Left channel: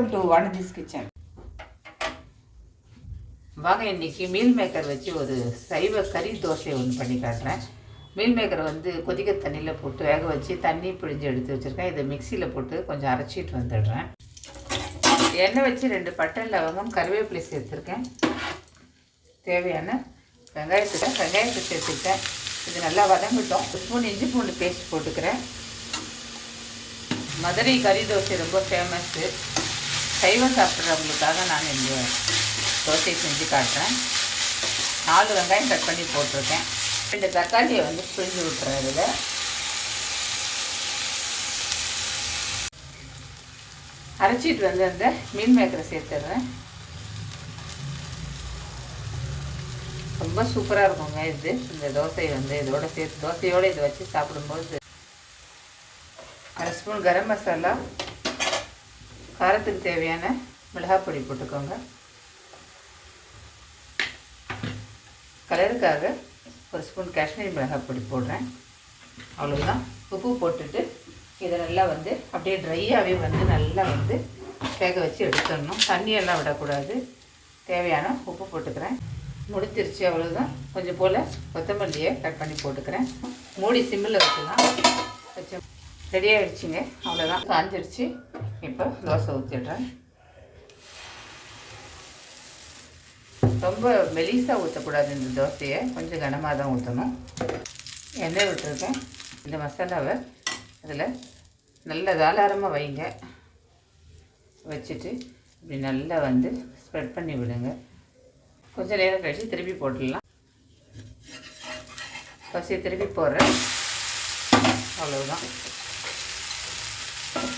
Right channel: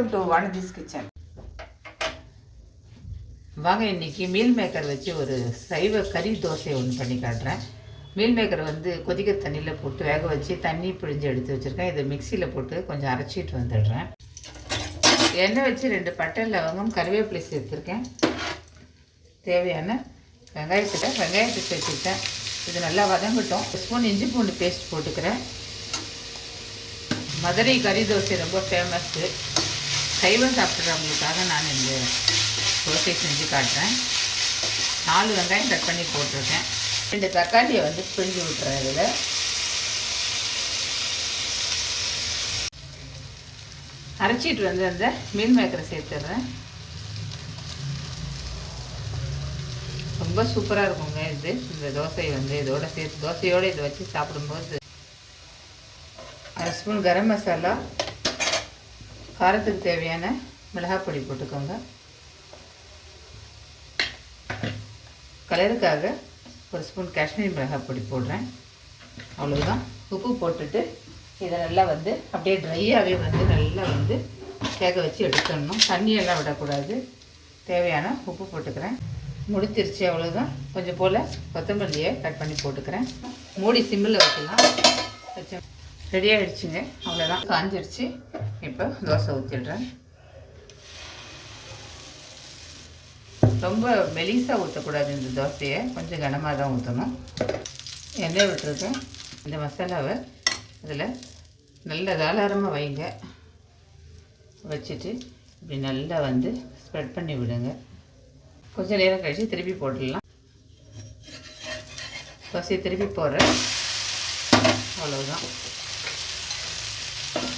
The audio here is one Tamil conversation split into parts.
Welcome to Vanathi's kitchen. வாங்க இன்றைக்கி மீல் மேக்கர் வச்சு ஒரு சைவ கறி தோசை ஒன்று பண்ணி காட்டுறேன். மீல் மேக்கரை வந்து கொதிக்க தண்ணியில் போட்டு வேக வச்சு தண்ணி பிழிஞ்சு எடுத்து வச்சுருக்கேன். இதை மிக்சியில் போட்டு கொஞ்சம் அரைச்சிட்டு வந்துடுறேன். எண்ணெய் வச்சு 2 பட்டை லவங்கம் கருவேப்பிலை சேர்த்துருக்கேன். தேவையான வெங்காயத்தை சேர்த்துக்கிட்டேன். இது நல்லா வதங்கட்டும். 1 ஸ்பூன் இஞ்சி பூண்டு பேஸ்ட் போட்டுக்கிறேன். மதுரை கறி தோசை ரொம்ப ஃபேமஸ்ஸு. சைவம் சாப்பிட்றவங்களுக்காக நான் இந்த தோசை செஞ்சு காட்டுறேன். 4 வெங்காயம் கட் பண்ணி போட்டிருக்கேன். 2 தக்காளியை வந்து பிழிஞ்சு விட்டுறேன். இதில் அரைச்சிட்டு வந்து அந்த மீல் மேக்கரை சேர்த்துடுறேன். ரொம்ப சூப்பராக இருக்குங்க இது. இந்த தோசையை வந்து இதோட சேர்த்து தோசையோடு இதை வச்சு சாப்பிடும்போது 1/2 ஸ்பூன் கரம் மசாலா, காரத்துக்கு தேவையான மிளகாய் பொடி போட்டுக்கோங்க. கலருக்காக 1 ஸ்பூன் காஷ்மீரி மிளகாய் பொடி போடுறேன். அவ்வளோதான். உப்பு போட்டுட்டு இதை நல்லா வந்து அப்படியே ட்ரையாகவே வந்து நல்லா வந்து வேக வச்சு எடுத்துடணும். தண்ணியெல்லாம் விடக்கூடாது. தேவையான உப்பு போட்டுக்கிறேன். முடிச்சிருச்சு. அவ்வளோதான். கொஞ்சம் போல் கொத்தமல்லியை கட் பண்ணி போட்டுக்கிறேன். மூடி சிம்மில் வைக்கலாம். வச்சு ரெடி ஆகிடுச்சிங்க. அவ்வளோதான். காஞ்சிருச்சு. இப்போ தோசை ஊற்றிடுறேன். ரொம்ப மெலிசாக ஊற்றக்கூடாது. இந்த தோசையை கொஞ்சம் கனமாக தான் ஊற்றணும். எண்ணெய் விட்டுருக்கேன். இந்த மசாலாவை அதில் நல்ல தாராளமாக வைங்க. வச்சுட்டு இப்படி நல்லா வந்து ஸ்ப்ரெட் பண்ணி விடுங்க. கொஞ்சம் நேரம் கழித்து திருப்பி போட்டுடலாம். தோசையை திருப்பி போடுறேன். அவ்வளோதான்.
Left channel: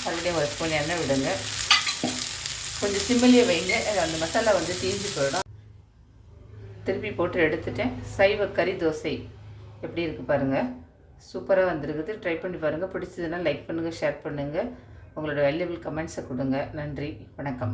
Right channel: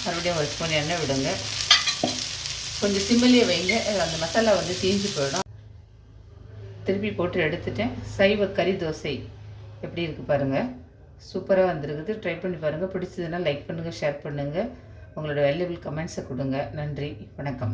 மறுபடியும் 1 ஸ்பூன் எண்ணெய் விடுங்க. கொஞ்சம் சிம்மிலேயே வைங்க. அந்த மசாலா வந்து தீஞ்சு போயிடும். திருப்பி போட்டு எடுத்துட்டேன். சைவ கறி தோசை எப்படி இருக்குது பாருங்கள். சூப்பராக வந்துருக்குது. ட்ரை பண்ணி பாருங்கள். பிடிச்சதுன்னா லைக் பண்ணுங்கள், ஷேர் பண்ணுங்கள். உங்களோட வேல்யூபிள் கமெண்ட்ஸை கொடுங்க. நன்றி, வணக்கம்.